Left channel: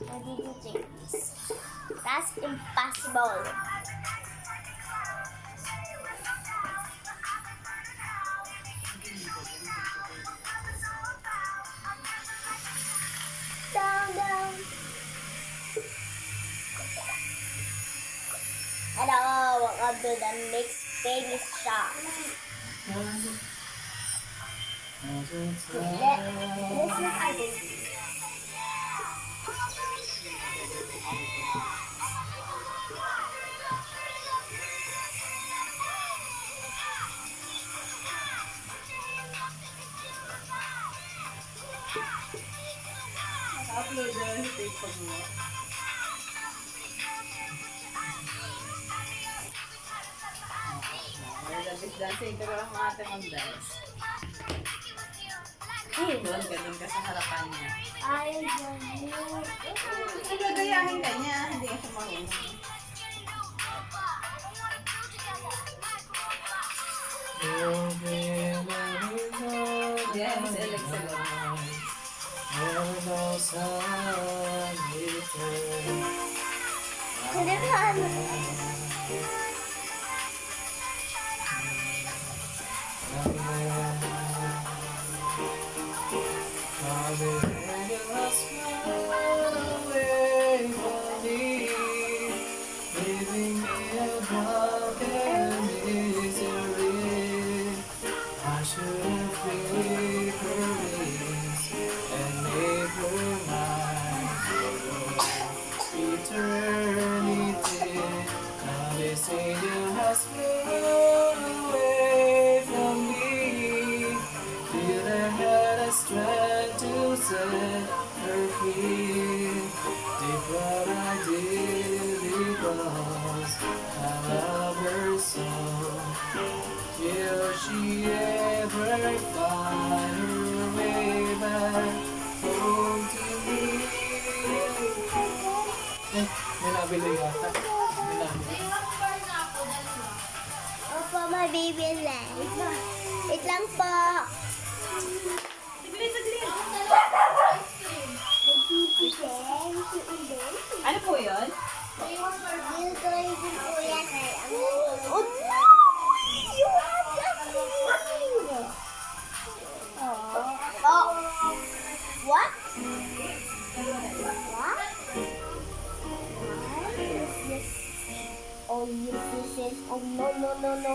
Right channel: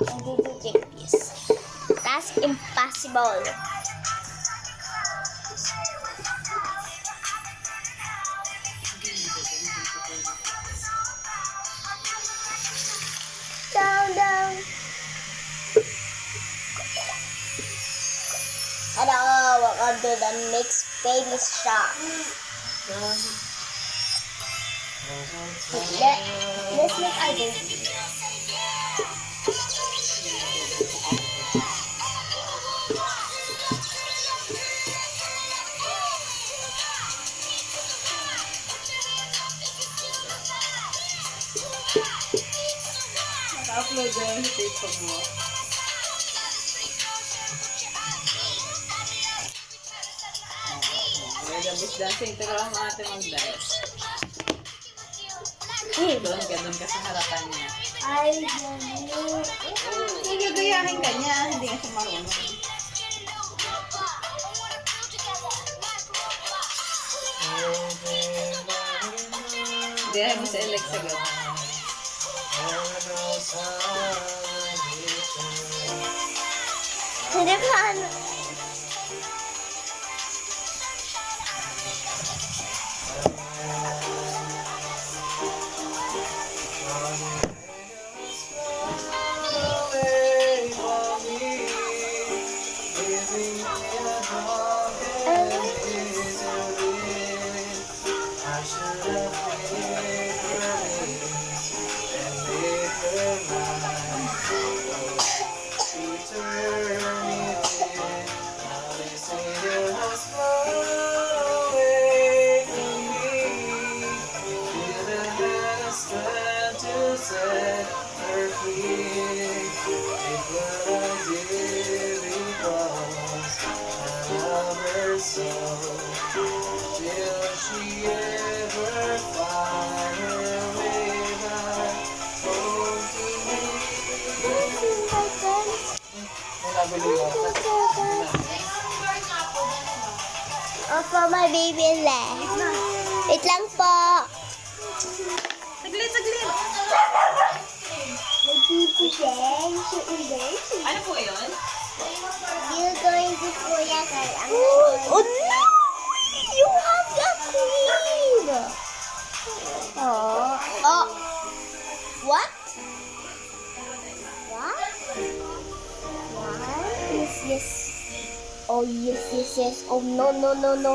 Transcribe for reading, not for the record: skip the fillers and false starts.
I didn't take this. That's impossible. Down, down. Hello, welcome to the next baby shop. Let's make our baby. Naka-upload na yung TikTok mo. Gabis dancing, pero ang ate mag-dance. Doon ka sa harapan niya. Ay, ganun. Nagagayahin ka niya, hindi ka siya marunong. Hindi, mo sa Alexa gano'n. Hindi pa ano. Opo, may baby left. Wait lang po. Saglit, saglit! May baby left. Ano po yun? You're going to Kuya Sir. Oh no! You have the queen! Oh. Oh. What? What? What? Yes, yes. Oh, yes, yes, yes. Oh, no, no, no, no.